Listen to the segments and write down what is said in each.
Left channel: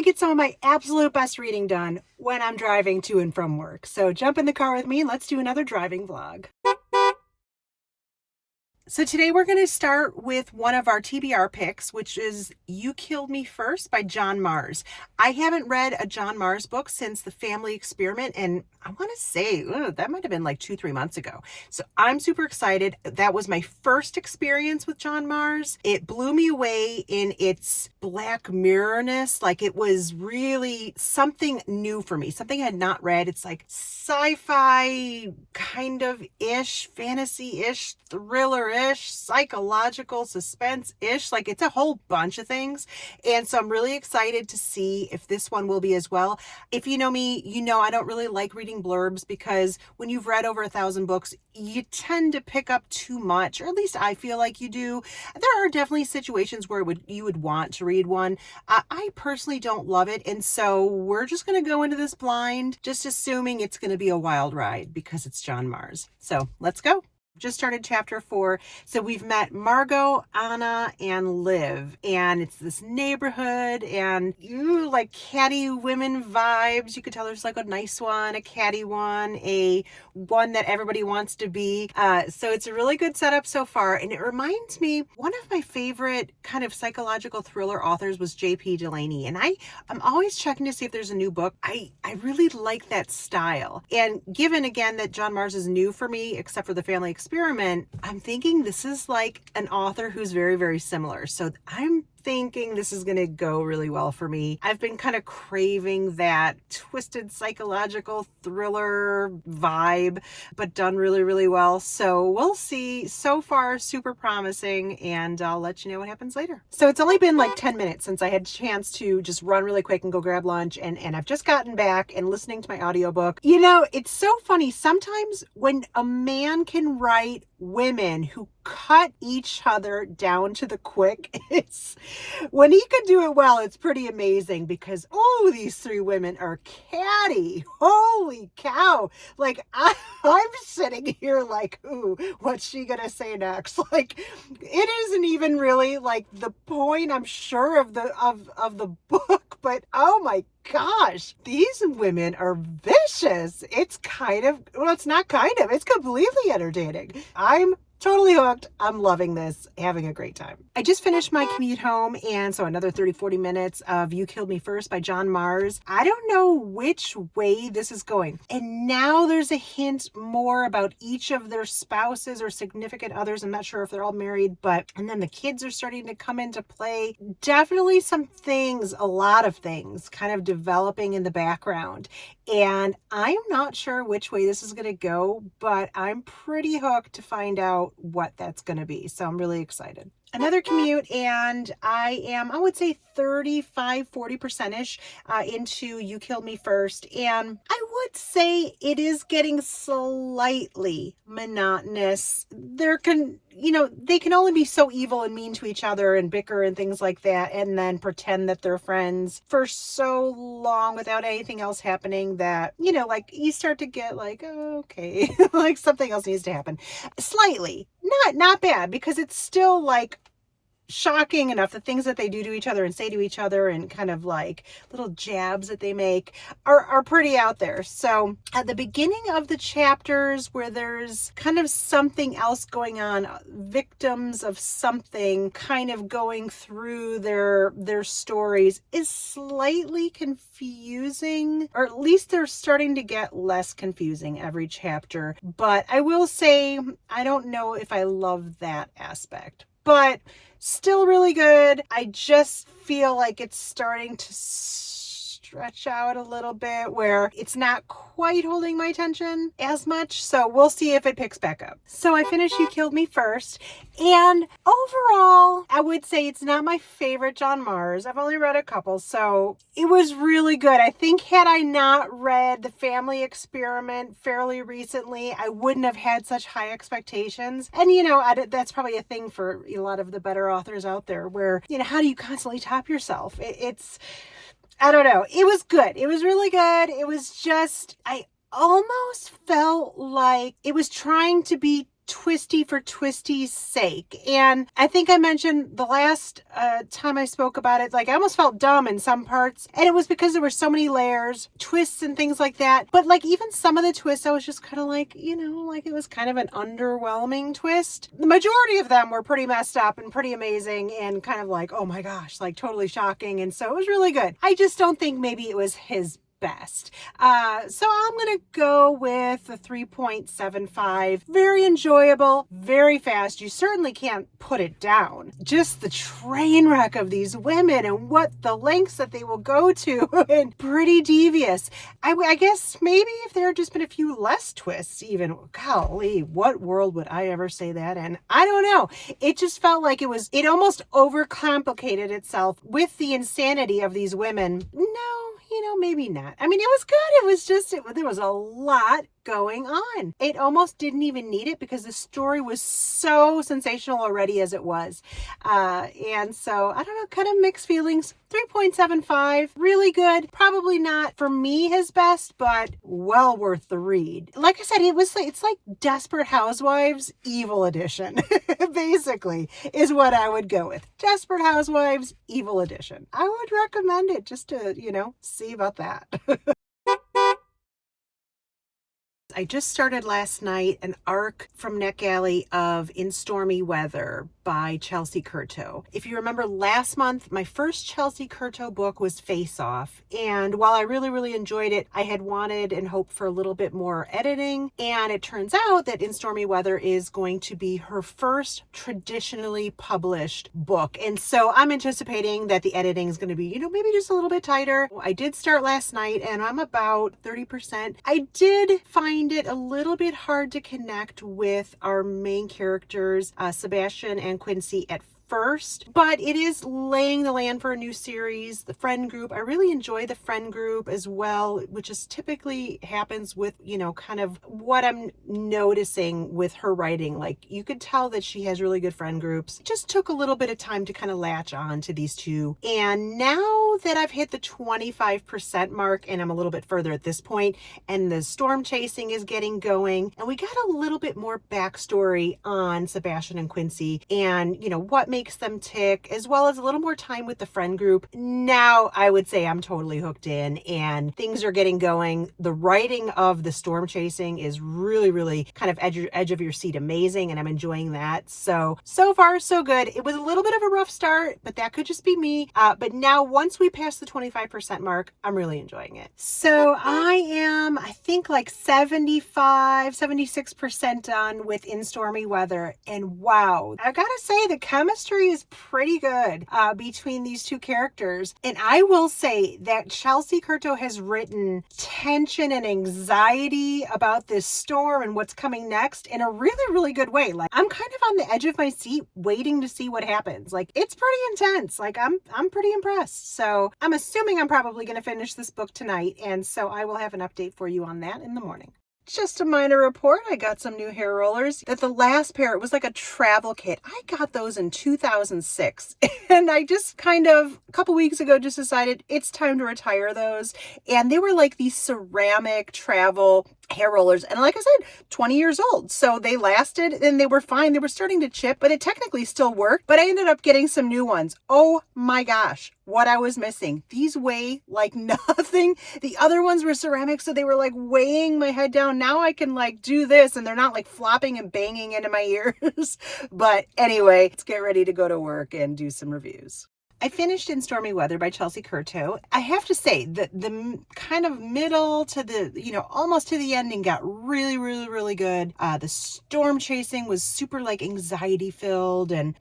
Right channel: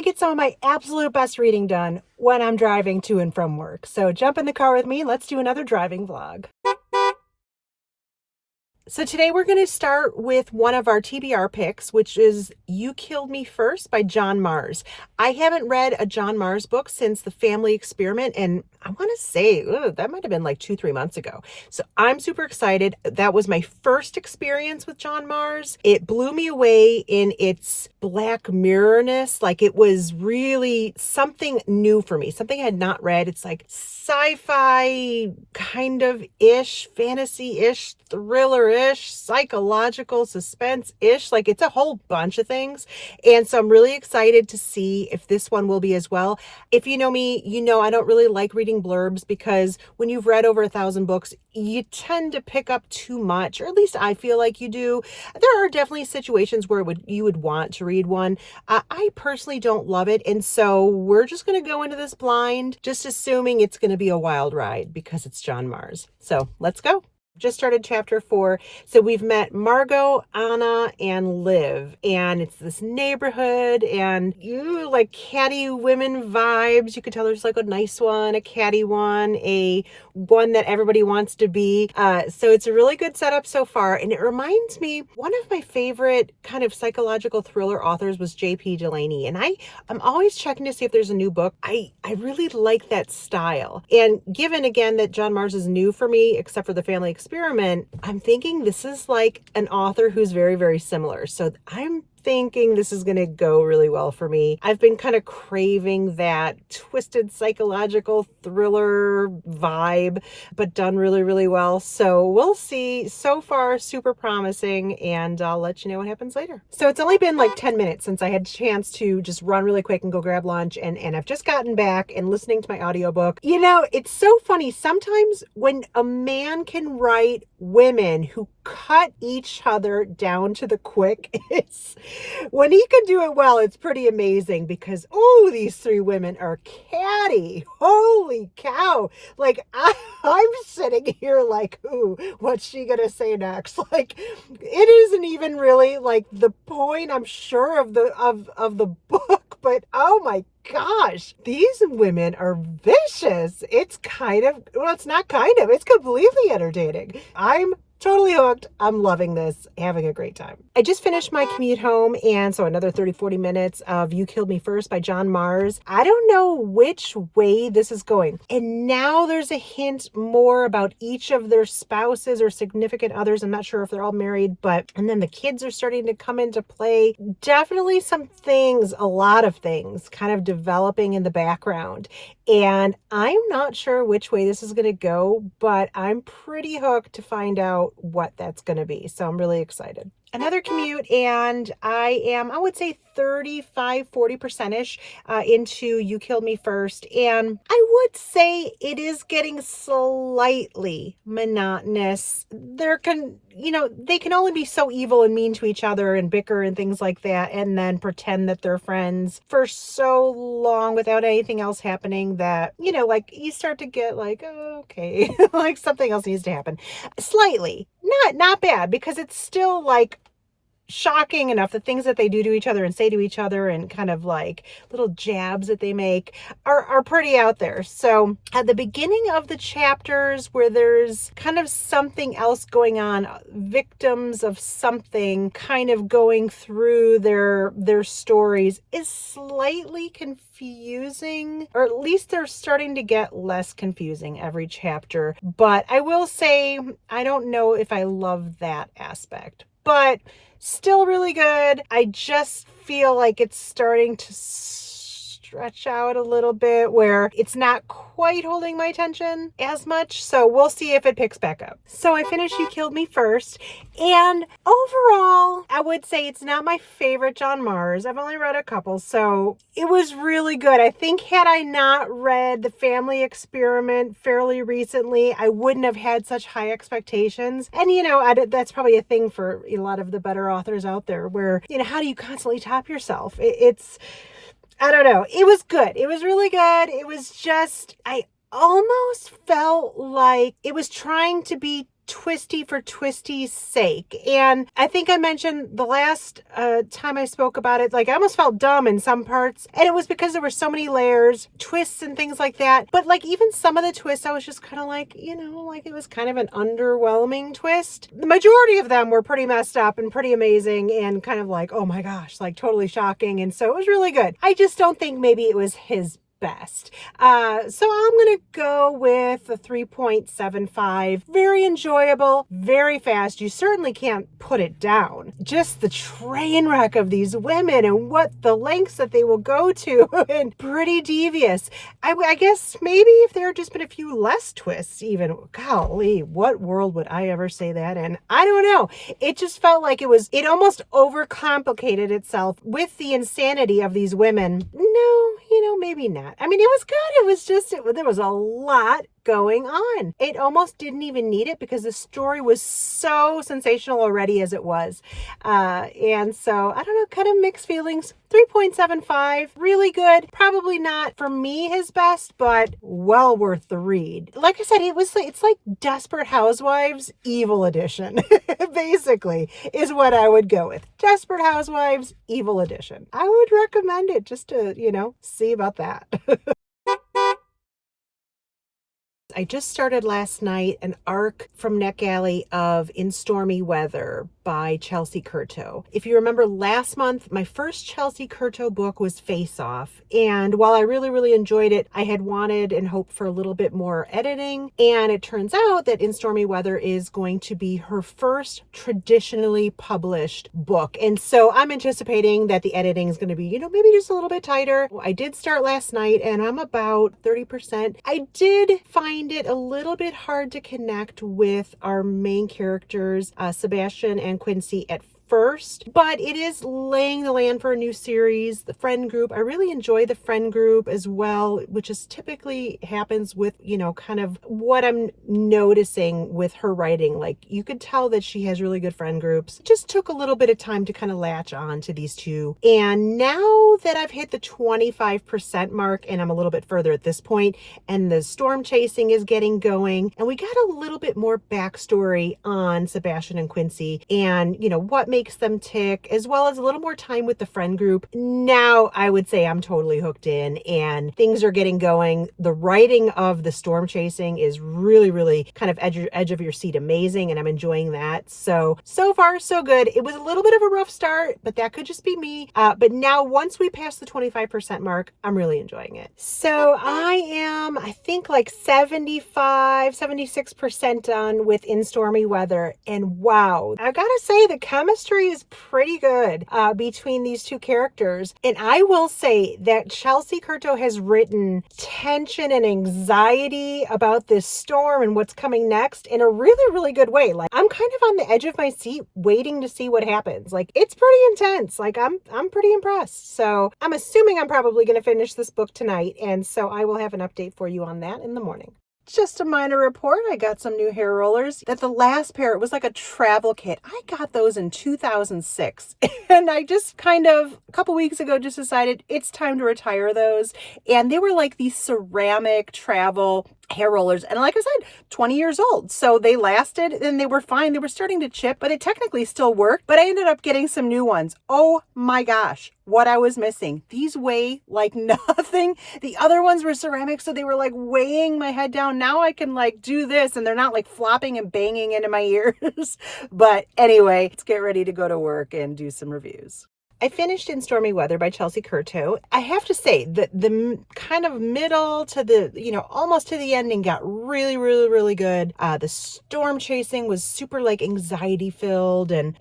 I get some of my absolute best reading done when I'm driving to and from work. So jump in the car with me and let's do another driving vlog. So today we're going to start with one of our TBR picks, which is You Killed Me First by John Mars. I haven't read a John Mars book since The Family Experiment, and I want to say that might have been like 2-3 months ago. So I'm super excited. That was my first experience with John Mars. It blew me away in its Black Mirror-ness. Like, it was really something new for me, something I had not read. It's like sci-fi kind of ish, fantasy-ish, thriller-ish, psychological suspense-ish. Like, it's a whole bunch of things. And so I'm really excited to see if this one will be as well. If you know me, you know I don't really like reading blurbs because when you've read over 1,000 books, you tend to pick up too much, or at least I feel like you do. There are definitely situations where you would want to read one. I personally don't love it. And so we're just going to go into this blind, just assuming it's going to be a wild ride because it's John Mars. So let's go. Just started chapter 4. So we've met Margot, Anna, and Liv, and it's this neighborhood, and you like catty women vibes. You could tell there's like a nice one, a catty one, a one that everybody wants to be. So it's a really good setup so far, and it reminds me, one of my favorite kind of psychological thriller authors was J.P. Delaney, and I'm always checking to see if there's a new book. I really like that style, and given again that John Mars is new for me, except for The Family Experiment, I'm thinking this is like an author who's very, very similar. So I'm thinking this is going to go really well for me. I've been kind of craving that twisted psychological thriller vibe, but done really, really well. So we'll see. So far, super promising, and I'll let you know what happens later. So it's only been like 10 minutes since I had a chance to just run really quick and go grab lunch, and I've just gotten back and listening to my audiobook. You know, it's so funny. Sometimes when a man can write women who cut each other down to the quick, when he can do it well, it's pretty amazing because, oh, these 3 women are catty. Holy cow. Like, I'm sitting here like, ooh, what's she going to say next? Like, it isn't even really like the point, I'm sure, of the book, but oh my gosh, these women are vicious. It's kind of, well, it's not kind of, it's completely entertaining. I'm totally hooked. I'm loving this, having a great time. I just finished my commute home, and so another 30-40 minutes of You Killed Me First by John Mars. I don't know which way this is going. And now there's a hint more about each of their spouses or significant others. I'm not sure if they're all married, and then the kids are starting to come into play. Definitely some things, a lot of things kind of developing in the background. And I'm not sure which way this is going to go, but I'm pretty hooked to find out what that's going to be. So I'm really excited. Another commute, and I would say 35-40%ish into You Killed Me First. And I would say it is getting slightly monotonous. They can only be so evil and mean to each other and bicker and things like that, and then pretend that they're friends for so long without anything else happening that, like you start to get like, oh, okay, like something else needs to happen. Slightly. Not bad, because it's still like shocking enough. The things that they do to each other and say to each other and kind of like little jabs that they make are pretty out there. So at the beginning of the chapters where there's kind of something else going on, victims of something kind of going through their stories, is slightly confusing, or at least they're starting to get less confusing every chapter. But I will say, I don't know if I love that aspect, but still really good. I just feel like it's starting to stretch out a little bit where it's not quite holding my attention as much. So we'll see if it picks back up. So I finished You Killed Me First, and overall, I would say it's not my favorite John Mars. I've only read a couple, so it was really good. I think had I not read The Family Experiment fairly recently, I wouldn't have had such high expectations. And, that's probably a thing for a lot of the better authors out there where, how do you constantly top yourself? I don't know. It was good. It was really good. It was just, I almost felt like it was trying to be twisty for twisty's sake. And I think I mentioned the last time I spoke about it, like I almost felt dumb in some parts. And it was because there were so many layers, twists and things like that. But like even some of the twists, I was just kind of like, like it was kind of an underwhelming twist. The majority of them were pretty messed up and pretty amazing and kind of like, oh my gosh, like totally shocking. And so it was really good. I just don't think maybe it was his best. So I'm going to go with a 3.75. Very enjoyable, very fast. You certainly can't put it down. Just the train wreck of these women and what the lengths that they will go to and pretty devious. I guess maybe if there had just been a few less twists even, golly, what world would I ever say that in? I don't know. It just felt like it almost overcomplicated itself with the insanity of these women. No, maybe not. I mean, it was good. It was just, there was a lot going on. It almost didn't even need it because the story was so sensational already as it was. And so, I don't know, kind of mixed feelings. 3.75, really good. Probably not for me his best, but well worth the read. Like I said, it's like Desperate Housewives Evil Edition, basically, is what I would go with. Desperate Housewives Evil Edition. I would recommend it just to, see about that. I just started last night an arc from NetGalley of In Stormy Weather by Chelsea Curto. If you remember last month, my first Chelsea Curto book was Face Off. And while I really, really enjoyed it, I had wanted and hoped for a little bit more editing. And it turns out that In Stormy Weather is going to be her first traditionally published book. And so I'm anticipating that the editing is going to be, maybe just a little bit tighter. I did start last night and I'm about 30%. I did find it a little bit hard to connect with our main characters, Sebastian and Quincy, at first, but it is laying the land for a new series. The friend group, I really enjoy the friend group as well, which is typically happens with, kind of what I'm noticing with her writing. Like you could tell that she has really good friend groups. It just took a little bit of time to kind of latch on to these two. And now that I've hit the 25% mark and I'm a little bit further at this point and the storm chasing is getting going and we got a little bit more backstory on Sebastian and Quincy and, what makes them tick, as well as a little more time with the friend group. Now I would say I'm totally hooked in and things are getting going. The writing of the storm chasing is really, really kind of edge of your seat amazing, and I'm enjoying that. So far so good. It was a little bit of a rough start, but that could just be me. But now once we pass the 25% mark, I'm really enjoying it. So I think like 76% done with In Stormy Weather. And wow, I gotta say the chemistry is pretty good between these two characters. And I will say that Chelsea Curto has written tension and anxiety about this storm and what's coming next in a really, really good way. Like I'm kind of on the edge of my seat waiting to see what happens. Like it's pretty intense. Like I'm pretty impressed. So I'm assuming I'm probably going to finish this book tonight. And so I will have an update for you on that in the morning. Just a minor report. I got some new hair rollers. That the last pair, it was like a travel kit. I got those in 2006. And I just kind of, a couple weeks ago, just decided it's time to retire those. And they were like these ceramic travel hair rollers. And like I said, 20 years old. So they lasted and they were fine. They were starting to chip, but it technically still worked. But I ended up getting some new ones. Oh my gosh, what I was missing. These weigh like nothing. The other ones were ceramic, so they were like weighing my head down. Now I can like do this and they're not like flopping and banging into my ears. But anyway, let's get ready to go to work and do some reviews. I finished In Stormy Weather by Chelsea Curto. I have to say that the kind of middle to the, almost to the ending got really, really, really good. The storm chasing was super like anxiety filled and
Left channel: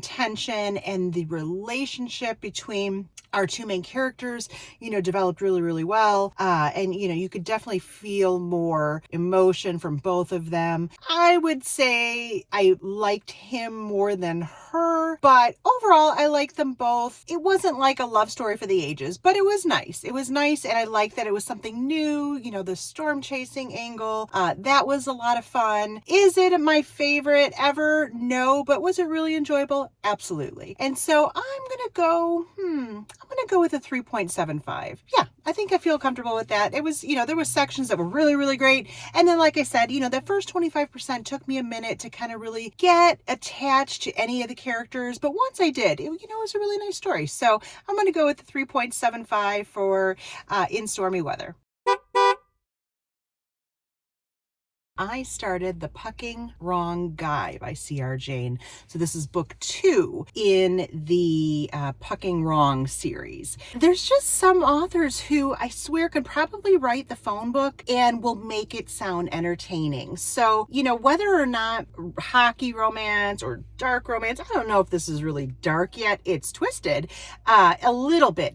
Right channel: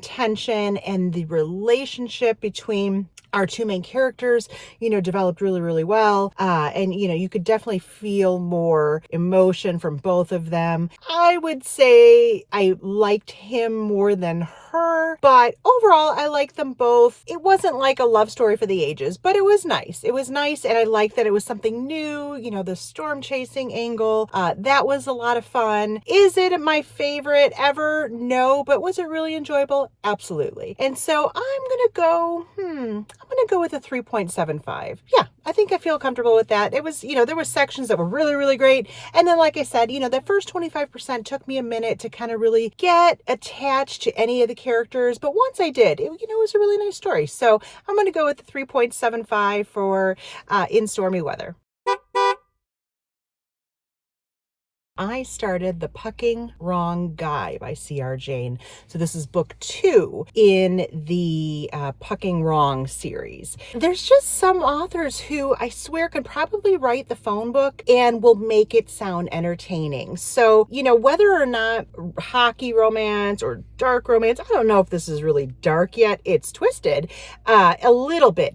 tension, and the relationship between our two main characters, developed really, really well. And, you could definitely feel more emotion from both of them. I would say I liked him more than her, but overall, I liked them both. It wasn't like a love story for the ages, but it was nice. It was nice, and I liked that it was something new, the storm chasing angle. That was a lot of fun. Is it my favorite ever? No, but was it really enjoyable? Absolutely. And so I'm gonna go, going to go with a 3.75. Yeah, I think I feel comfortable with that. It was, there were sections that were really, really great. And then, like I said, that first 25% took me a minute to kind of really get attached to any of the characters. But once I did, it was a really nice story. So I'm going to go with the 3.75 for In Stormy Weather. I started The Pucking Wrong Guy by C.R. Jane. So this is book 2 in the Pucking Wrong series. There's just some authors who I swear can probably write the phone book and will make it sound entertaining. So, whether or not hockey romance or dark romance, I don't know if this is really dark yet. It's twisted a little bit.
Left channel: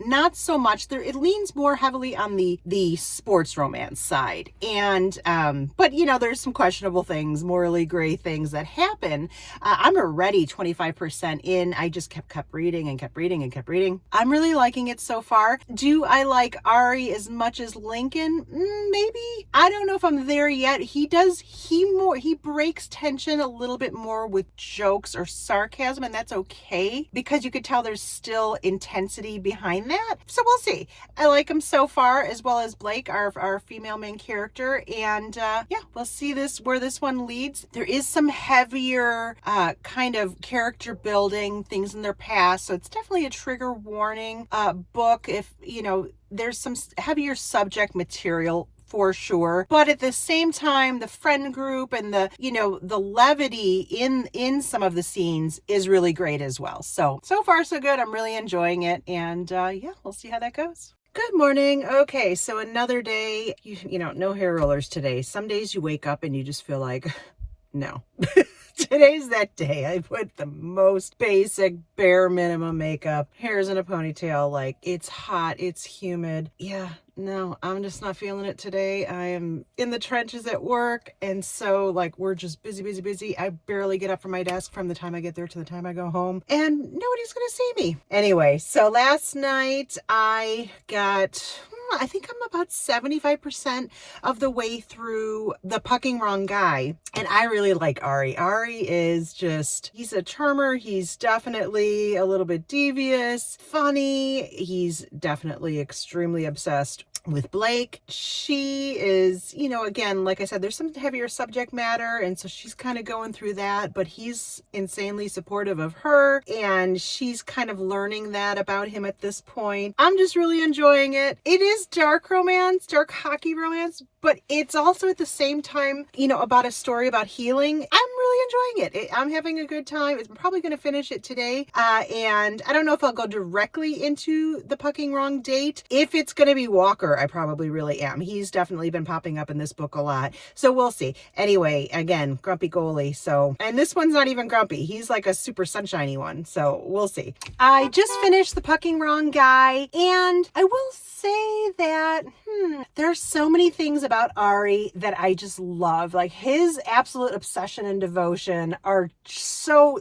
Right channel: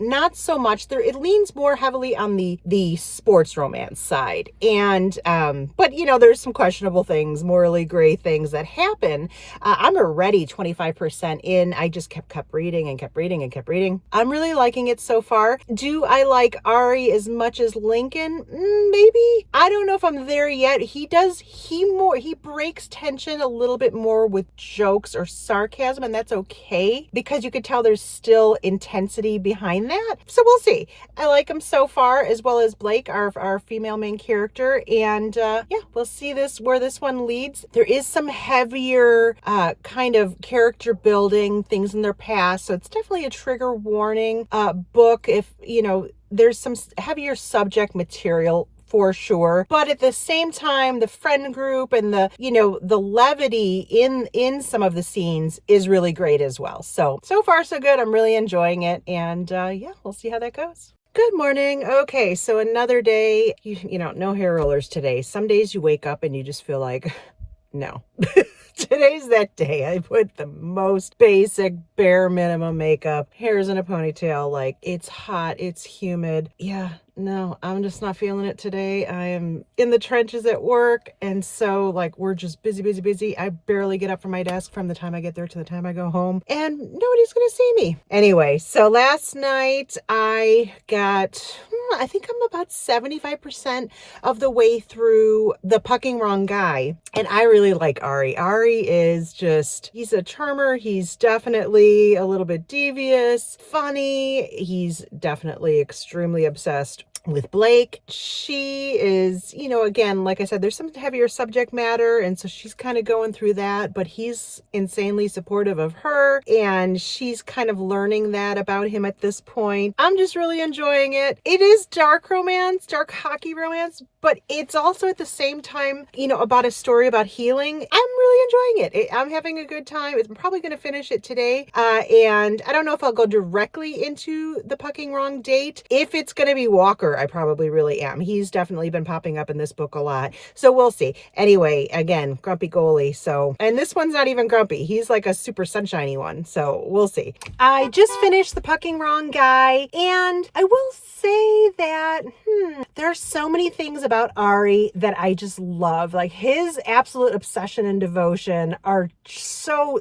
Not so much. It leans more heavily on the sports romance side. And, but there's some questionable things, morally gray things that happen. I'm already 25% in. I just kept reading and kept reading and kept reading. I'm really liking it so far. Do I like Ari as much as Lincoln? Maybe. I don't know if I'm there yet. He breaks tension a little bit more with jokes or sarcasm, and that's okay because you could tell there's still intensity behind that. So we'll see. I like him so far, as well as Blake, our female main character. And yeah, we'll see where this one leads. There is some heavier kind of character building things in their past. So it's definitely a trigger warning book if, there's some heavier subject material for sure. But at the same time, the friend group and the levity in some of the scenes is really great as well. So far so good. I'm really enjoying it. And yeah, we'll see how that goes. Good morning. Okay, so another day, no hair rollers today. Some days you wake up and you just feel like, no. Today's that day. I put the most basic, bare minimum makeup, hair's in a ponytail, like it's hot, it's humid. Yeah, no, I'm just not feeling it today. I am in the trenches at work. And so we're just busy, busy, busy. I barely get up from my desk from the time I get there to the time I go home, and nobody's going to see me. Anyway, so last night I think I'm about 75% of the way through The Pucking Wrong Guy. And I really like Ari. Ari is he's a charmer. He's definitely a little bit devious, funny. He's definitely extremely obsessed with Blake. She is, again, like I said, there's some heavier subject matter. And so she's kind of going through that, but he's insanely supportive of her. And she's kind of learning that about him at this point. I'm just really enjoying it. It is dark romance, dark hockey romance, but it's also at the same time, about a story about healing. I'm really enjoying it. I'm having a good time. I'm probably going to finish it today. And I don't know if I'll go directly into The Pucking Wrong date. If it's going to be Walker, I probably really am. He's definitely been popping up in this book a lot. So we'll see. Anyway, again, grumpy goalie. And this one's not even grumpy. He's like a super sunshiny one. So we'll see. I just finished The Pucking Wrong Guy, and I will say that there's so many things about Ari that I just love. Like his absolute obsession and devotion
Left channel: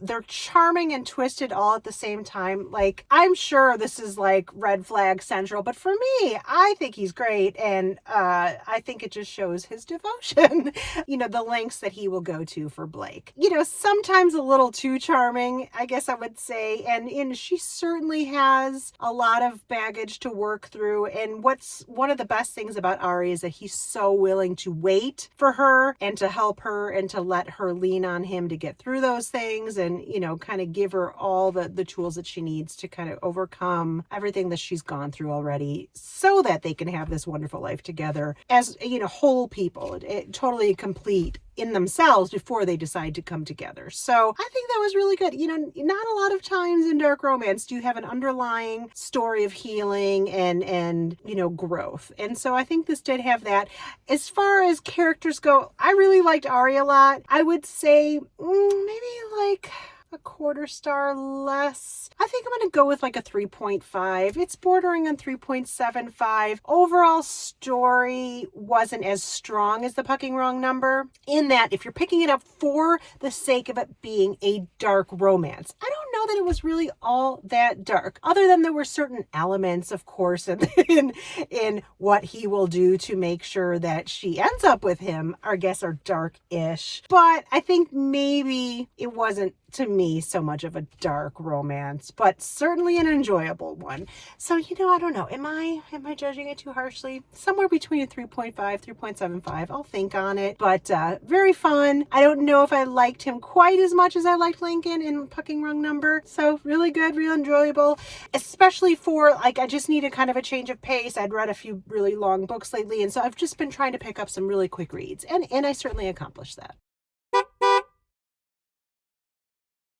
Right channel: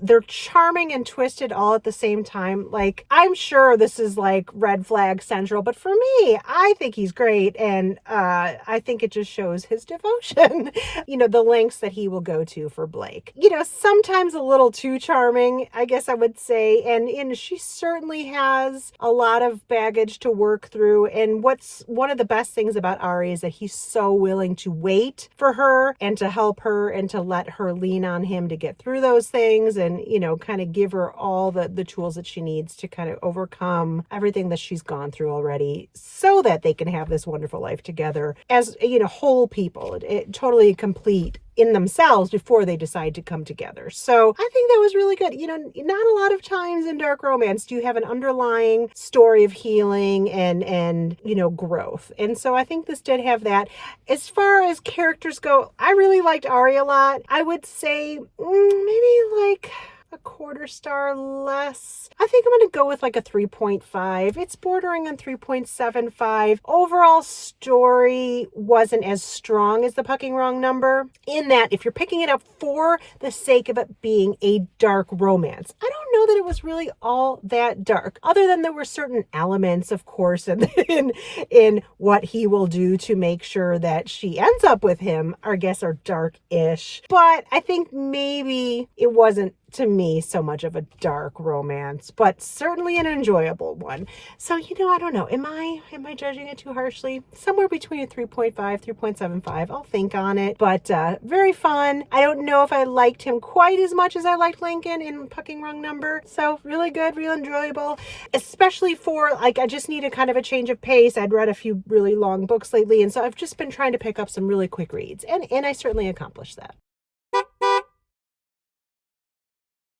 they're charming and twisted all at the same time. Like, I'm sure this is like red flag central, but for me, I think he's great. And I think it just shows his devotion, the lengths that he will go to for Blake. Sometimes a little too charming, I guess I would say. And she certainly has a lot of baggage to work through. And what's one of the best things about Ari is that he's so willing to wait for her and to help her and to let her lean on him to get through those things and, kind of give her all the tools that she needs to kind of overcome everything that she's gone through already so that they can have this wonderful life together as, whole people, totally complete in themselves before they decide to come together. So I think that was really good. Not a lot of times in dark romance do you have an underlying story of healing and growth. And so I think this did have that. As far as characters go, I really liked Ari a lot. I would say maybe like a quarter star less. I think I'm going to go with like a 3.5. It's bordering on 3.75. Overall story wasn't as strong as The Pucking Wrong number, in that if you're picking it up for the sake of it being a dark romance, I don't know that it was really all that dark, other than there were certain elements, of course, in what he will do to make sure that she ends up with him, I guess, are dark-ish. But I think maybe it wasn't to me so much of a dark romance, but certainly an enjoyable one. So, I don't know. Am I judging it too harshly? Somewhere between a 3.5, 3.75. I'll think on it, but very fun. I don't know if I liked him quite as much as I liked Lincoln in Pucking Wrong Number. So really good, real enjoyable, especially for like, I just needed kind of a change of pace. I'd read a few really long books lately, and so I've just been trying to pick up some really quick reads, and I certainly accomplished that.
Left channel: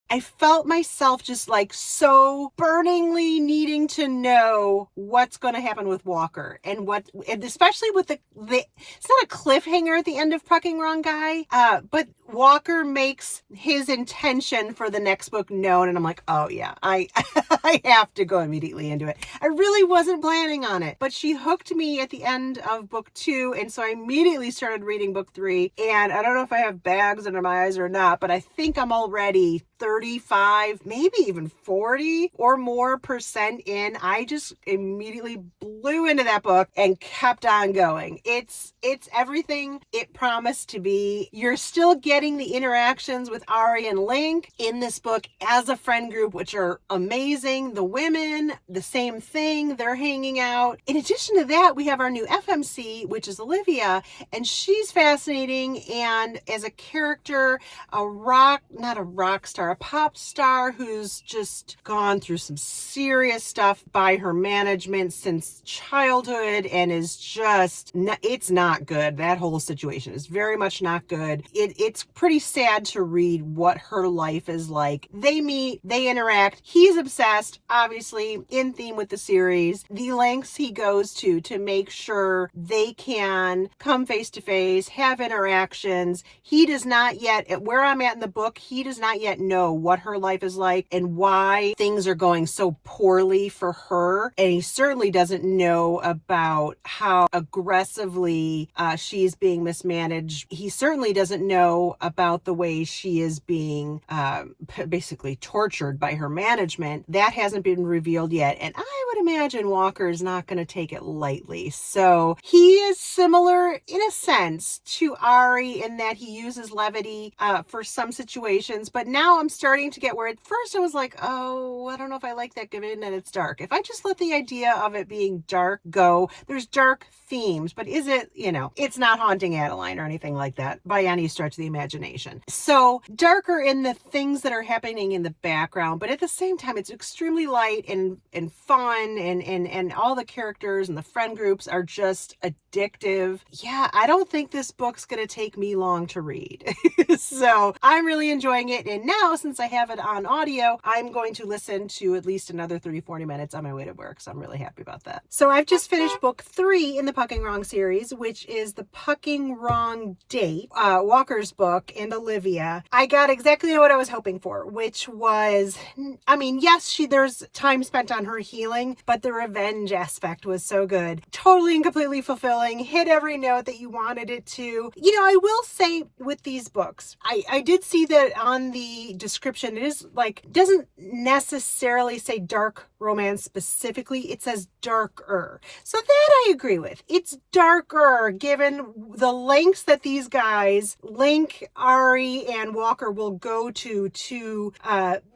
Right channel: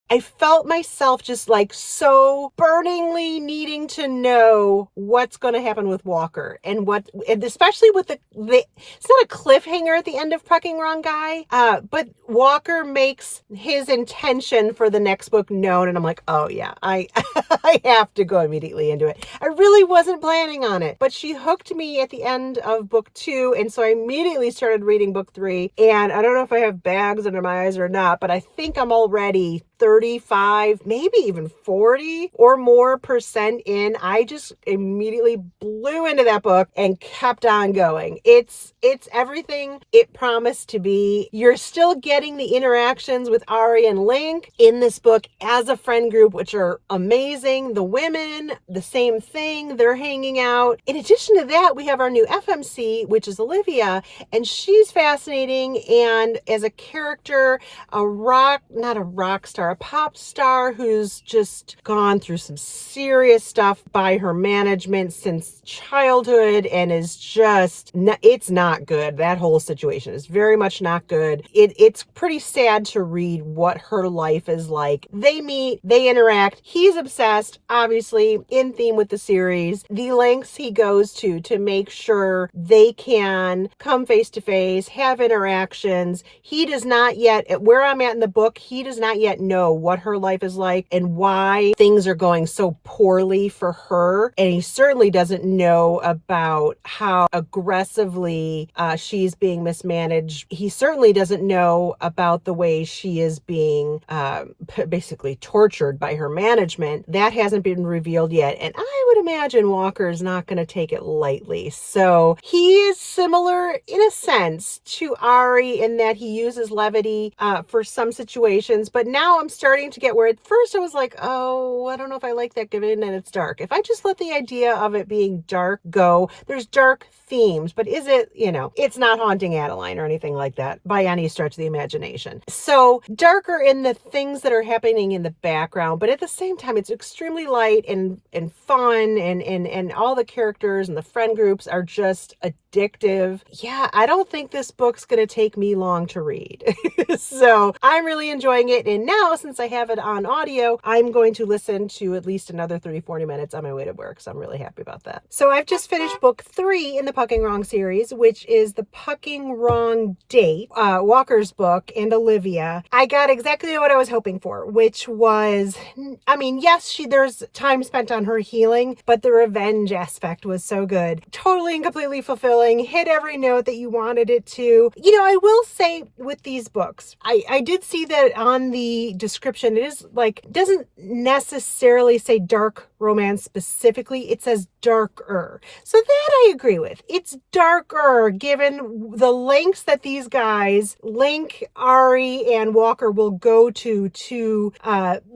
I felt myself just like so burningly needing to know what's going to happen with Walker, and especially with it's not a cliffhanger at the end of Pucking Wrong Guy, but Walker makes his intention for the next book known, and I'm like, oh yeah, I I have to go immediately into it. I really wasn't planning on it, but she hooked me at the end of book 2, and so I immediately started reading book 3, and I don't know if I have bags under my eyes or not, but I think I'm already 35, maybe even 40 or more percent in. I just immediately blew into that book and kept on going. It's everything it promised to be. You're still getting the interactions with Ari and Link in this book as a friend group, which are amazing. The women, the same thing. They're hanging out. In addition to that, we have our new FMC, which is Olivia, and she's fascinating. And as a character, not a rock star, a pop star who's just gone through some serious stuff by her management since childhood and is just, it's not good. That whole situation is very much not good. It's pretty sad to read what her life is like. They meet, they interact. He's obsessed, obviously, in theme with the series. The lengths he goes to make sure they can come face to face, have interactions. He does not yet, at where I'm at in the book, he does not yet know what her life is like and why things are going so poorly for her. And he certainly doesn't know about how aggressively she's being mismanaged. He certainly doesn't know about the way she is being basically tortured by her management. That hasn't been revealed yet. And I would imagine Walker is not going to take it lightly. So he is similar in a sense to Ari in that he uses levity for some situations. But now I'm starting to get where at first I was like, oh, I don't know if I like that given that it's dark. If I just let the idea of it being dark go, there's dark themes, but is it, it's not Haunting Adeline or anything like that by any stretch of the imagination. So darker in the things that are happening in the background, but at the same time, it's extremely light and fun, and all the characters and the friend groups are just addictive. Yeah, I don't think this book's going to take me long to read. So I'm really enjoying it. And now, since I have it on audio, I'm going to listen to at least another 30-40 minutes on my way to work. So I'm really happy about that. So I've just finished book 3 in the Pucking Wrong series, which is the Pucking Wrong Date, Walker's book, and Olivia. I got exactly what I was hoping for, which was, yes, there's time spent on her healing, but the revenge aspect was so good. Totally and completely fulfilling, hit every note that you wanted it to. I will say with these books, I did see that on the description, it is doesn't necessarily say dark romance specifically, it says darker. So that I agree with. It's darker given the lengths that these guys, Link, Ari, and Walker, will go to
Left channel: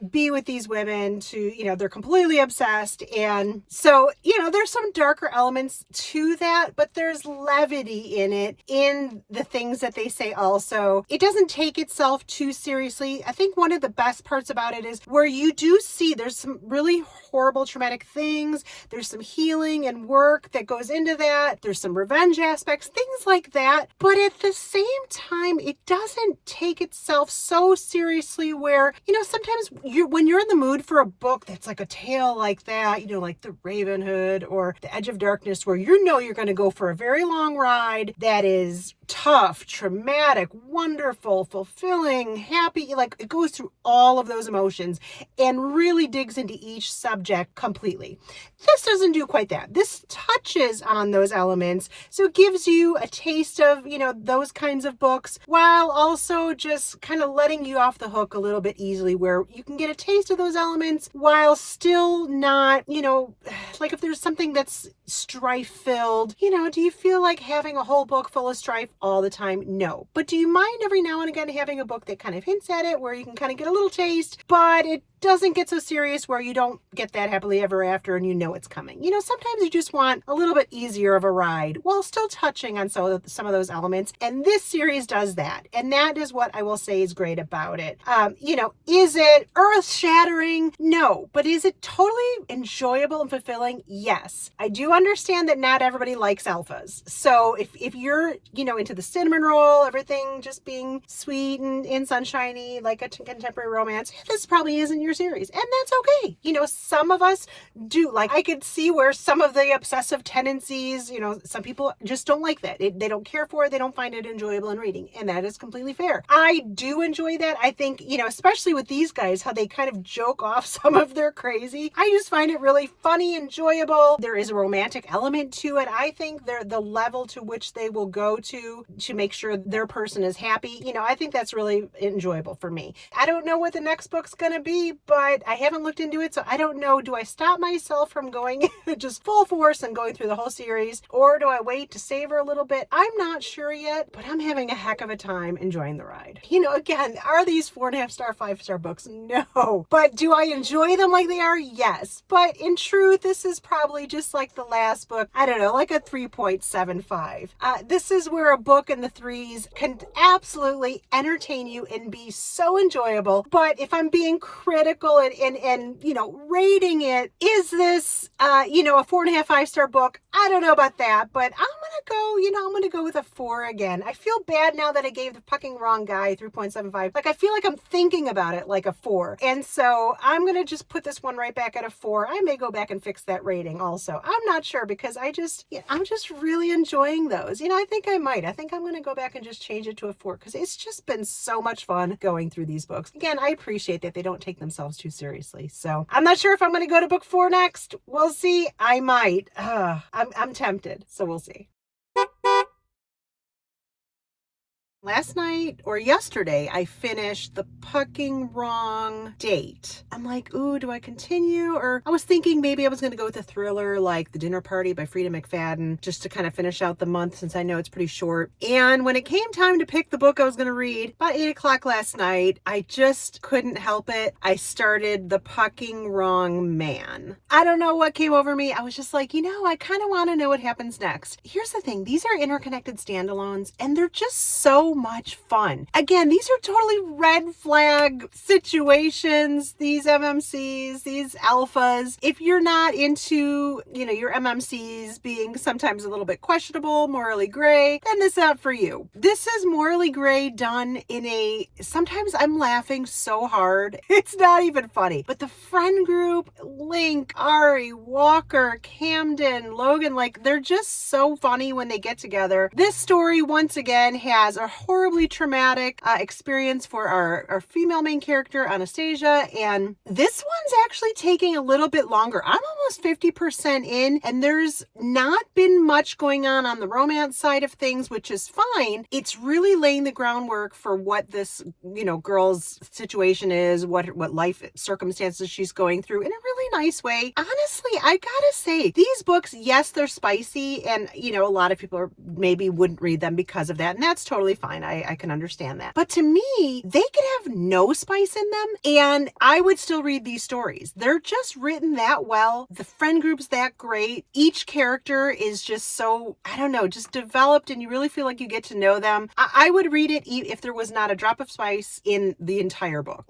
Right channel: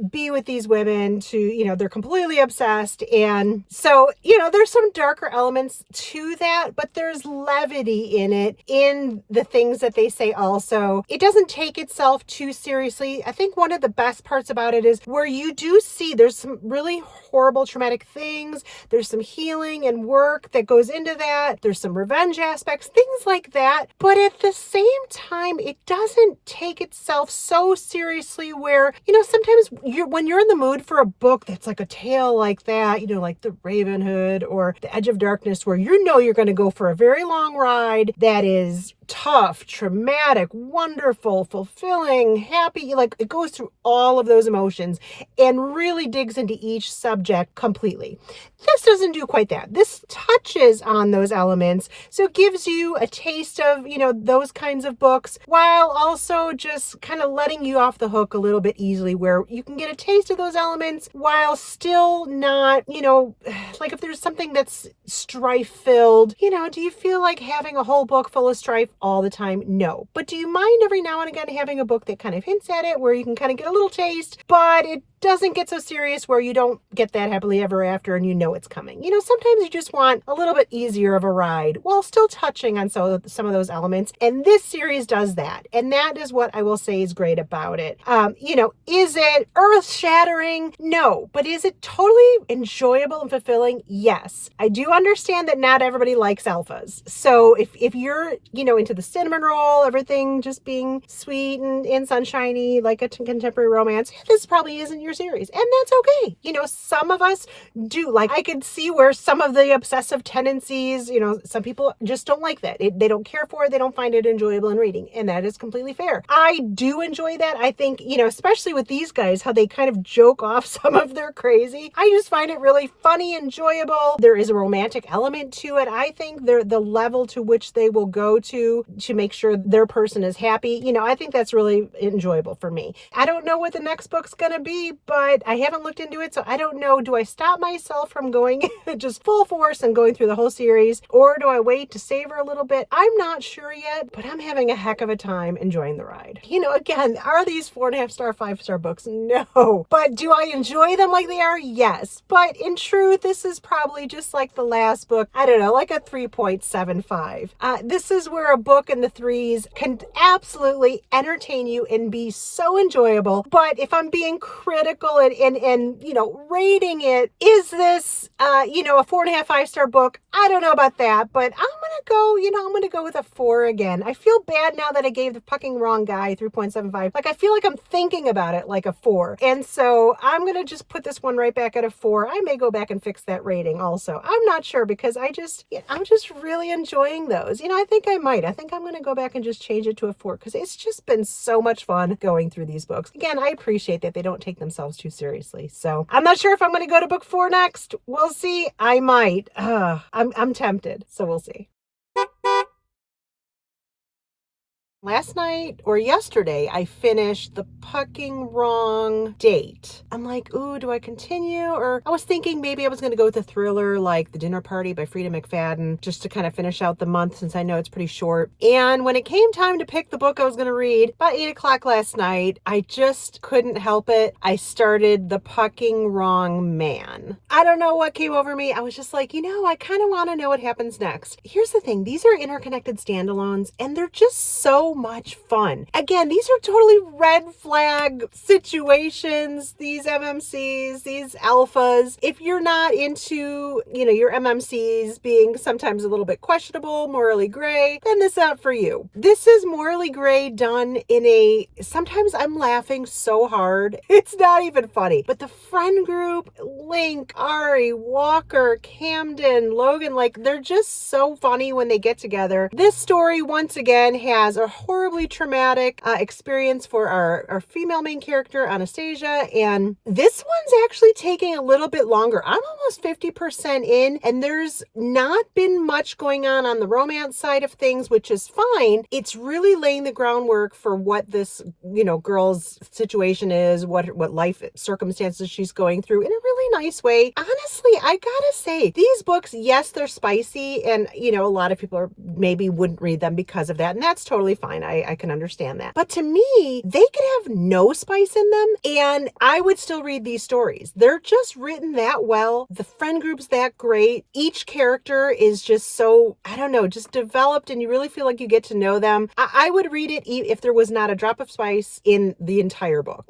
be with these women, they're completely obsessed. And so, there's some darker elements to that, but there's levity in it, in the things that they say also. It doesn't take itself too seriously. I think one of the best parts about it is where you do see there's some really horrible traumatic things. There's some healing and work that goes into that. There's some revenge aspects, things like that. But at the same time, it doesn't take itself so seriously where, sometimes when you're in the mood for a book that's like a tale like that, like The Raven Hood or The Edge of Darkness, where you're going to go for a very long ride that is tough, traumatic, wonderful, fulfilling, happy, it goes through all of those emotions and really digs into each subject completely. This doesn't do quite that. This touches on those elements elements. So it gives you a taste of, those kinds of books, while also just kind of letting you off the hook a little bit easily, where you can get a taste of those elements while still not, like if there's something that's strife filled, do you feel like having a whole book full of strife all the time? No. But do you mind every now and again having a book that kind of hints at it, where you can kind of get a little taste, but it doesn't get so serious where you don't get that happily ever after and it's coming? Sometimes you just want a little bit easier of a ride while still touching on some of those elements. And this series does that. And that is what I will say is great about it. Is it earth-shattering? No. But is it totally enjoyable and fulfilling? Yes. I do understand that not everybody likes alphas. So if you're, into the cinnamon roll, everything just being sweet and sunshiny, like a contemporary romance, this probably isn't your series. And that's okay. Some of us do. Like, I could see where some of the obsessive tendencies, some people just don't like that. They don't care for it. They don't find it enjoyable in reading. And that is completely fair. I do enjoy that. I think, especially with these guys, how they kind of joke off some of their crazy. I just find it really funny, enjoyable. There is a romantic element to it. I think the level to which they will go to make sure their person is happy. I think that's really enjoyable for me. I don't know what the next book's going to be, but I haven't looked into it. So I don't know. Do I stop myself from going just full force and going through the whole series? Or do I wait to savor a little bit? I'm not sure yet, but I'm having a heck of a time enjoying the ride. Again, are these 4.5 star, 5-star books? No. But do I enjoy them like they are? Yes. But in truth, this is probably just like the last book. I don't know, like a 3.75. This is where a book in the threes can absolutely entertain you and be so enjoyable. But if I'm being critical and rating it, is this, a 4.5, 5-star book? I don't know about that, but I'm going to go with a 4 again. I feel bad now that I gave the fucking wrong guy 3.75. Like, I feel like I'm thinking about it like a 4. And so I'm going to just put this one right back at a 4. I may go back and fix that rating also. I'm not sure, because I'm just really enjoying those. I think I might. I think I'm going to go back and just change it to a 4, because it's just been so much fun going through these books. Again, I appreciate that they don't take themselves too seriously. So I'm not sure if I'm going to go to book 4 next. We'll see. I might. I'm tempted. So we'll see. Last night or yesterday, I finished The Fucking Wrong Date. I'm like, ooh, do I continue? Or I was thinking maybe I was going to go with a thriller like The Dinner Party by Freida McFadden, just to kind of finish out the month, since I know it's pretty short. And when it came time to pick the book I was going to read, about 8 o'clock last night, I just couldn't help it. I started The Fucking Wrong Man. I don't know what came over me. I was just like, I kind of want to know what happens next. Here's the thing. These are interconnected standalones, and they're just so much fun. Again, these are totally red flag situations, these MMCs, these alphas. If you're not into, your MMCs being sometimes a little bit questionable, morally gray, then this is not for you. This is morally gray done in sometimes I'm laughing so hard, it's not even funny. But the friend group, Link, Ari, Walker, Camden, Logan, they're just so funny when they get together. This story, once again, has a horribly traumatic experience for our female main character, Anastasia, and this one's actually taking a little bit longer. I'm almost 50% in, and there's not been much going on the romance side of things, which is fine. It's really laying the groundwork for what this, girl's situation is, what life circumstances she's going through in a really nice way. Honestly, I gotta say, these books, yes, they're spicy, and, a lot of people maybe wouldn't read them because of that, and that's totally fine. I can understand that. But to me, they could have no spice in them, and I would still read these stories. They're just written that well. The friend group's that great. Each character is just so, I don't know, just developed, and you really feel like you get to know them. I would read it if there was not a drop of spice in the entire book.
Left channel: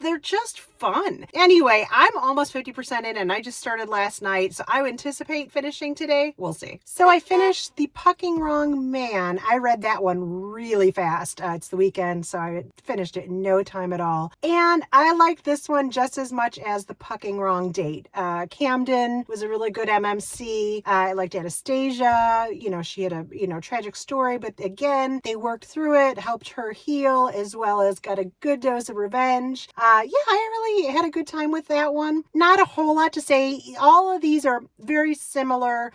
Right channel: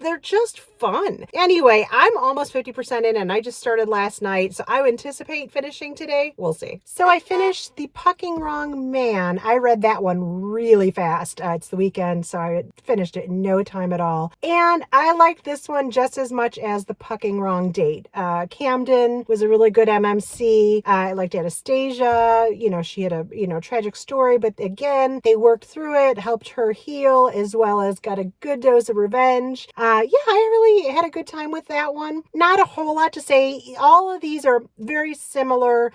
They're just fun. Anyway, I'm almost 50% in, and I just started last night, so I would anticipate finishing today. We'll see. So I finished The Fucking Wrong Man. I read that one really really fast. It's the weekend, so I finished it in no time at all. And I liked this one just as much as The Pucking Wrong Date. Camden was a really good MMC. I liked Anastasia. She had a, tragic story, but again, they worked through it, helped her heal, as well as got a good dose of revenge. I really had a good time with that one. Not a whole lot to say. All of these are very similar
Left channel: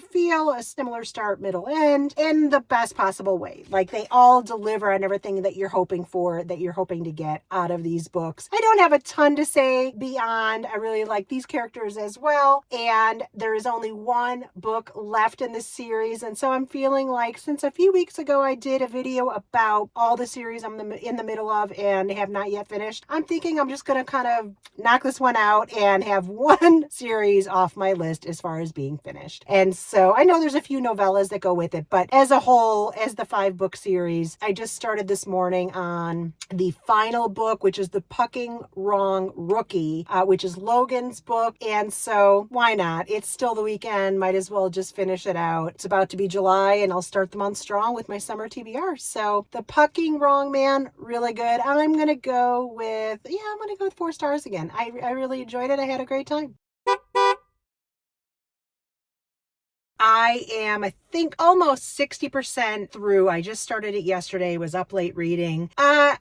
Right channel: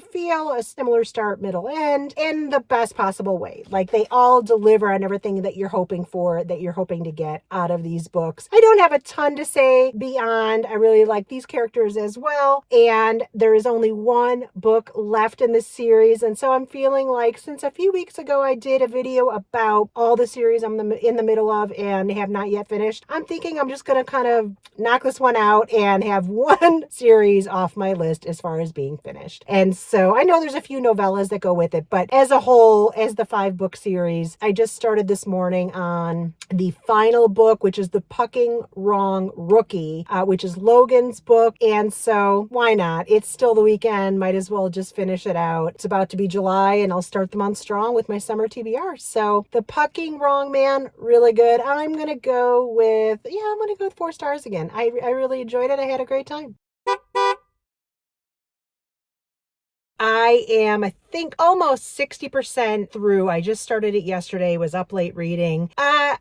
feel, a similar start, middle, end, in the best possible way. Like, they all deliver on everything that you're hoping for, that you're hoping to get out of these books. I don't have a ton to say beyond I really like these characters as well, and there is only one book left in this series, and so I'm feeling like, since a few weeks ago I did a video about all the series I'm in the middle of and have not yet finished, I'm thinking I'm just going to kind of knock this one out and have one series off my list as far as being finished. And so I know there's a few novellas that go with it, but as a whole, as the 5-book series, I just started this morning on the final book, which is The Pucking Wrong Rookie, which is Logan's book. And so why not? It's still the weekend. Might as well just finish it out. It's about to be July and I'll start the month strong with my summer TBR. So The Pucking Wrong Man, really good. I'm going to go with 4 stars again. I really enjoyed it. I had a great time. I am, I think, almost 60% through. I just started it yesterday, was up late reading.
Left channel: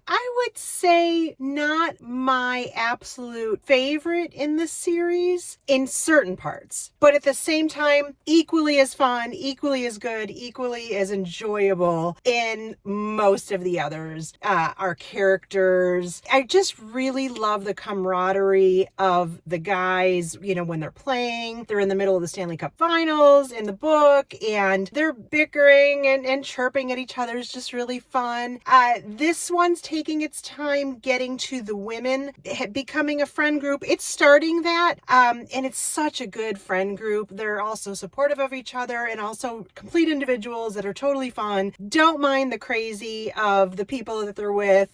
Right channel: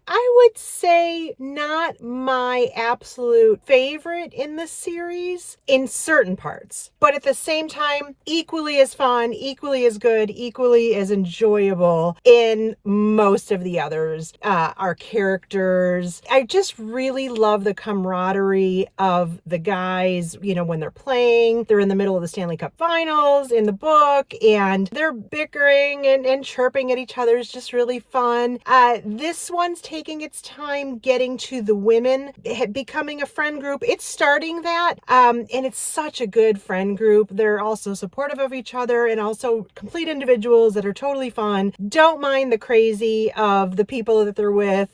I would say not my absolute favorite in the series in certain parts, but at the same time, equally as fun, equally as good, equally as enjoyable in most of the others. Our characters, I just really love the camaraderie of the guys, when they're playing. They're in the middle of the Stanley Cup Finals in the book, and they're bickering and chirping at each other is just really fun. This one's taking its time getting to the women, becoming a friend group. It's starting that, and it's such a good friend group. They're also supportive of each other and also complete individuals that are totally fun. Don't mind the crazy of the people that they're with.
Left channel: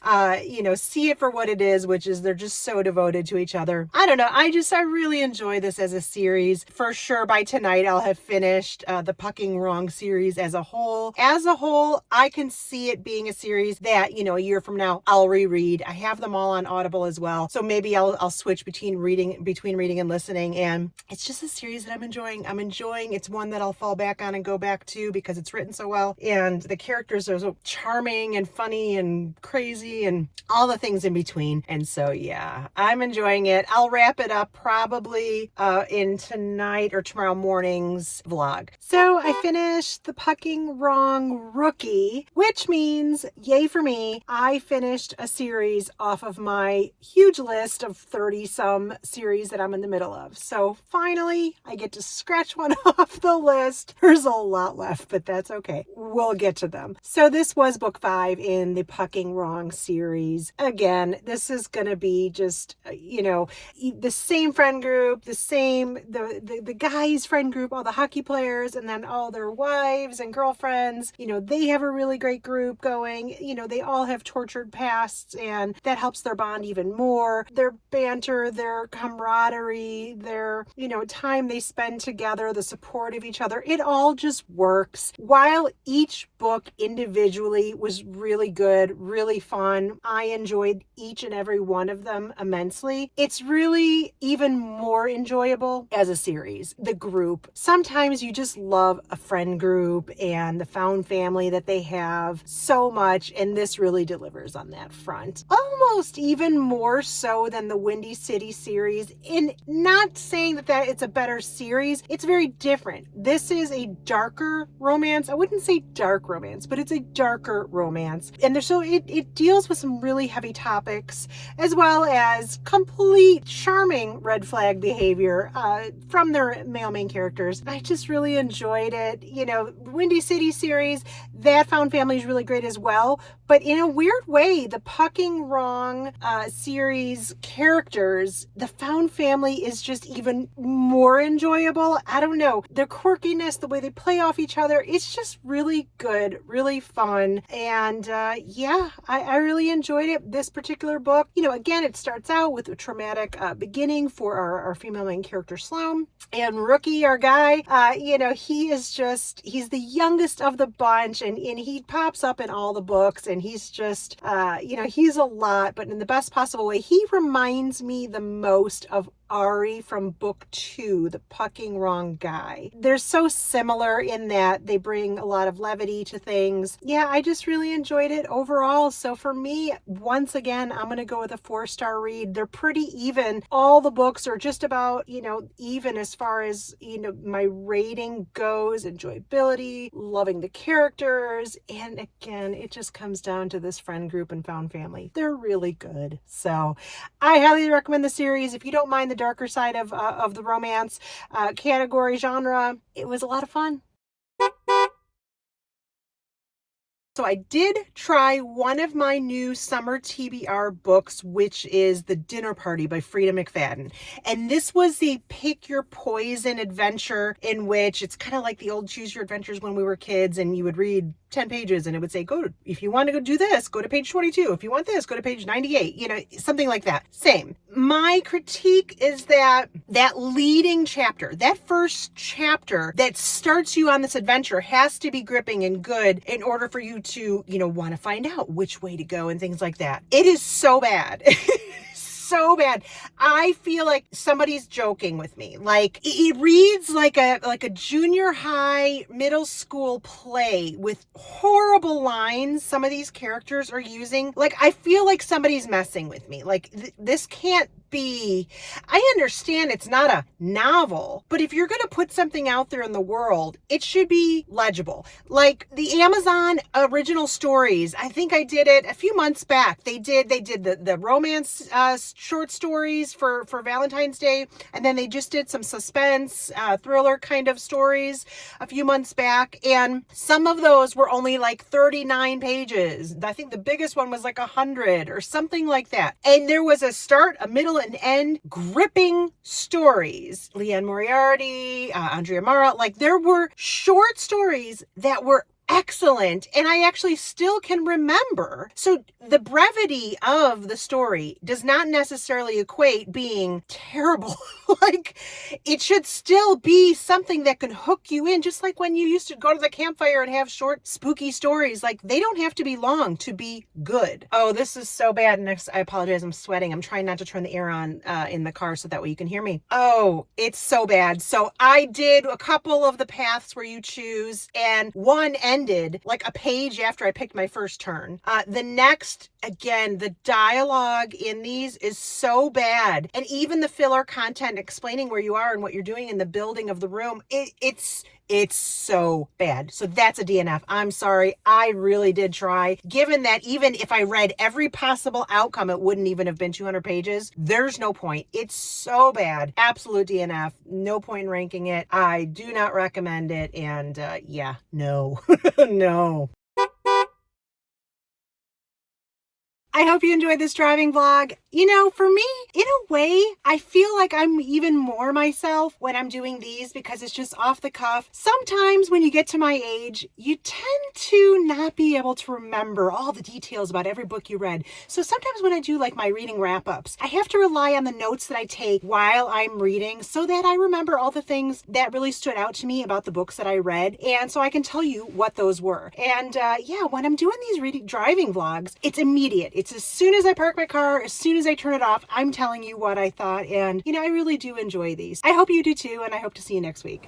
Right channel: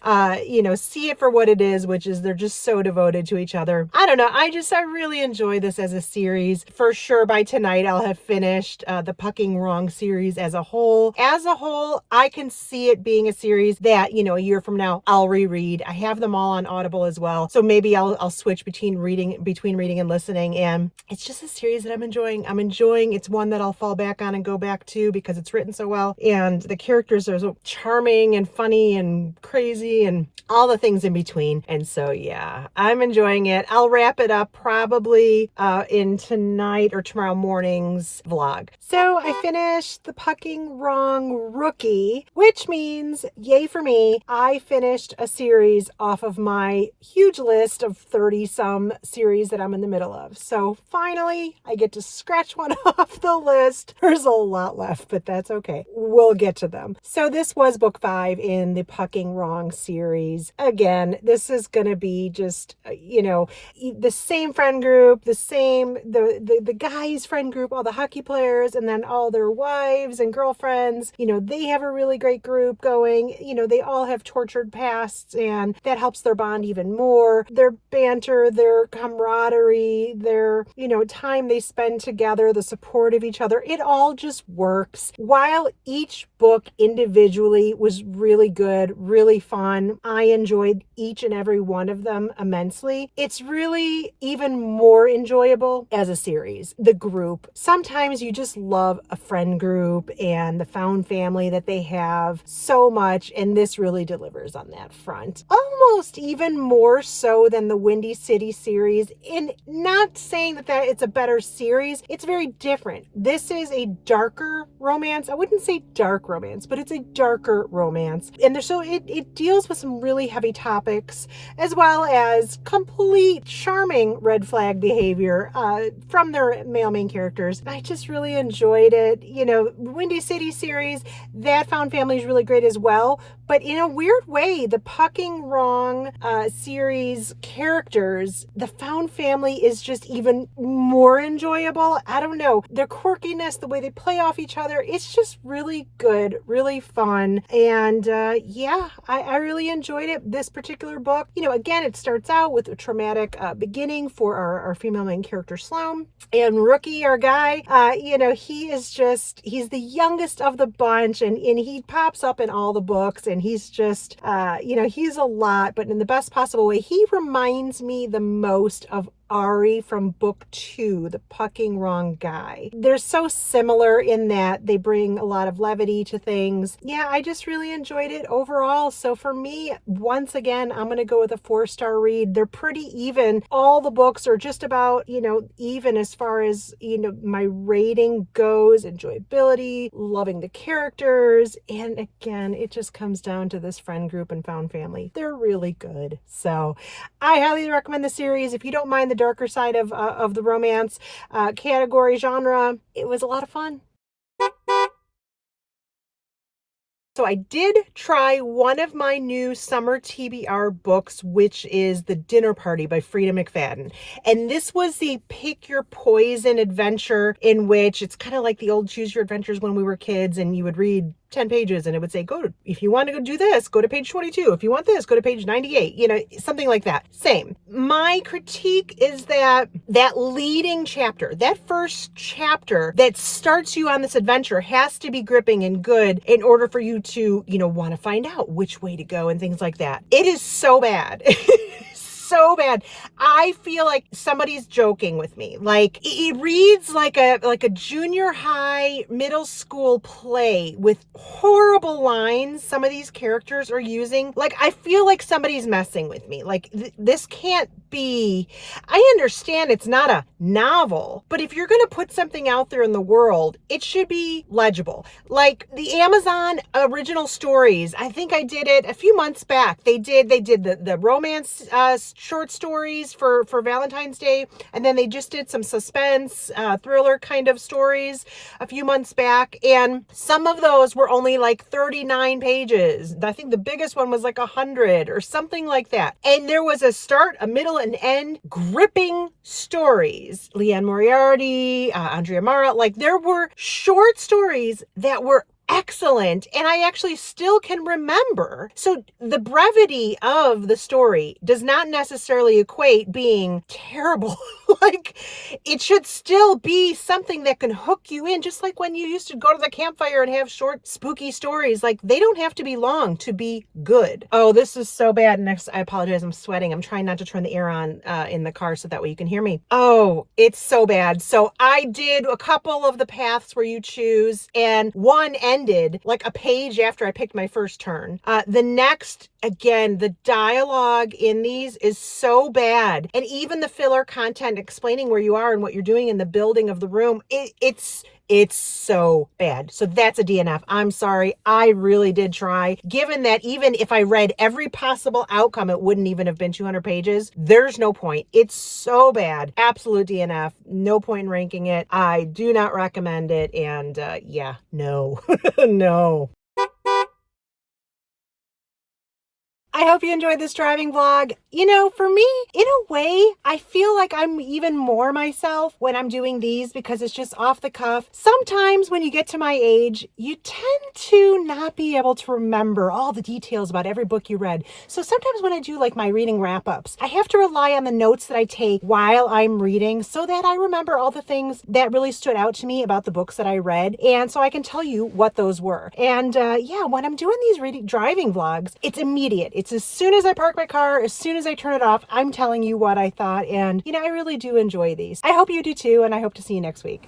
See it for what it is, which is they're just so devoted to each other. I don't know. I really enjoy this as a series. For sure, by tonight, I'll have finished the Pucking Wrong series as a whole. As a whole, I can see it being a series that, a year from now, I'll reread. I have them all on Audible as well. So maybe I'll switch between reading and listening. And it's just a series that I'm enjoying. It's one that I'll fall back on and go back to because it's written so well. And the characters are so charming and funny and crazy and all the things in between. And so, yeah, I'm enjoying it. I'll wrap it up probably in tonight or tomorrow morning's vlog. So I finished The Pucking Wrong Rookie, which means, yay for me, I finished a series off of my huge list of 30-some series that I'm in the middle of. So finally, I get to scratch one off the list. There's a lot left, but that's okay. We'll get to them. So this was book 5 in the Pucking Wrong series. Again, this is going to be just, the same friend group, the guys' friend group, all the hockey players, and then all their wives and girlfriends. They have a really great group going. They all have tortured pasts, and that helps their bond even more. Their banter, their camaraderie, their, time they spend together, the support of each other, it all just works. While each book individually was really good, really fun, I enjoyed each and every one of them immensely. It's really even more enjoyable as a series. The group. Sometimes you just love a friend group and the found family that they have so much, and this really delivers on that front. Almost even more so than the Windy City series. In not saying that it's a better series, it's very different. This is a darker romance. I wouldn't say dark romance, but it's a darker romance. And it deals with some really heavy topics, as well as complete charming red flag behavior from their male main characters. I just really enjoyed it. Windy City series, that found family is really great as well. But in a weird way, the Pucking Wrong series characters, the found family is just even more enjoyable. I don't know. The quirkiness, the way they play off each other, it's just really good, really fun. And I really enjoyed it. This particular book, again, it starts out with a traumatic beginning for our female main character, Sloan. And Rookie, our guy, he is just he's the youngest of the bunch, and he pops up in all the books, and he's just, he's a lot, but in the best possible way. He reminds me the most of Ari from book 2, The Pucking Wrong Guy. They're so similar in that they bring a lot of levity to things. Yeah, I just really enjoyed it overall. So for me, once again, I'm going to go with a 4-star read. They're pretty even. All the books are just about, even as far as, my rating goes, enjoyability, loving the characters. And again, it just comes down to this friend group and found family. They're really good. So I highly recommend the series. If you don't mind the darker side of the romance category genre, it was a lot of fun. So I did try one of my new summer TBR books, which is The Dinner Party by Freida McFadden. And this was the pick your poison adventure, in which it's kind of like the old choose your adventures when we were kids, and you would read 10 pages and it would say, if you want to go do this, go to page 22. If you want this, go to page 98, something like that. Same. My critique is that leading chapter, that first chapter that starts you on this adventure, has to be gripping and good in order for you to, want to find out which way to go and things like that. It is so bad. So bad. I feel like somebody's joking with me. Like, it reads like a junior high, middle school play with horrible lines some of these characters are using. Like, I feel like somebody's messing with me. Like, this can't be. I understand it's not a novel, but if you're going to put something out there in the world, it should be legible. Like the Amazon original stories, I think I did it a few months back. They did the romance short stories for Valentine's Day, and then they just did some suspense thriller kind of stories a few months back, and some of those were only like 39 pages. I think the biggest one was like 100 or something like that, and there was a start, a middle, and end gripping stories. Leanne Moriarty, Andrea Mara, like there were short stories that were excellent, and I actually still can remember. So the brevity of the story does not necessarily equate being terrible. Like, it should still be something that can hook you in, just like when you used to go to the campfire and have short spooky stories. Like, they don't have to be long to be good. Oh, this is so bad. Next, I apologize, I'm sweating. I'm trying not to turn the air on in the car so that way you can hear me. Oh, it's so bad. So I did a couple of the paths where you choose, and one ended like a page after I picked my first turn. The next, again, the dialogue in these is so bad. And even the filler content explaining where you are and what you're doing in the building of the room, it's so bad. So that's a DNF. I'm sorry. I really did try. Given that even if I read every possible outcome, it wouldn't even have been 200 pages. There's no point. It's so bad. Absolute DNF. No point in ranking it. I do not recommend it. And no, no. I hope you enjoyed this driving vlog. For me, in a way, I feel like I'm even more myself when I'm doing these because it's just off the cuff. Sometimes when you get to my age, you tend to not be able to remember all the details about every book you read. So sometimes when I do like my reading wrap-ups, I have to rely on the notes that I take while I'm reading so that I remember all the things that really stood out to me about the books that I read. And so I can tell you what those were. And when I'm doing these driving vlogs, it's immediate. It's as soon as I park my car, as soon as I turn it off, I'm telling you what I thought. And, I really do enjoy these. I hope you do too. And I hope to see you next week.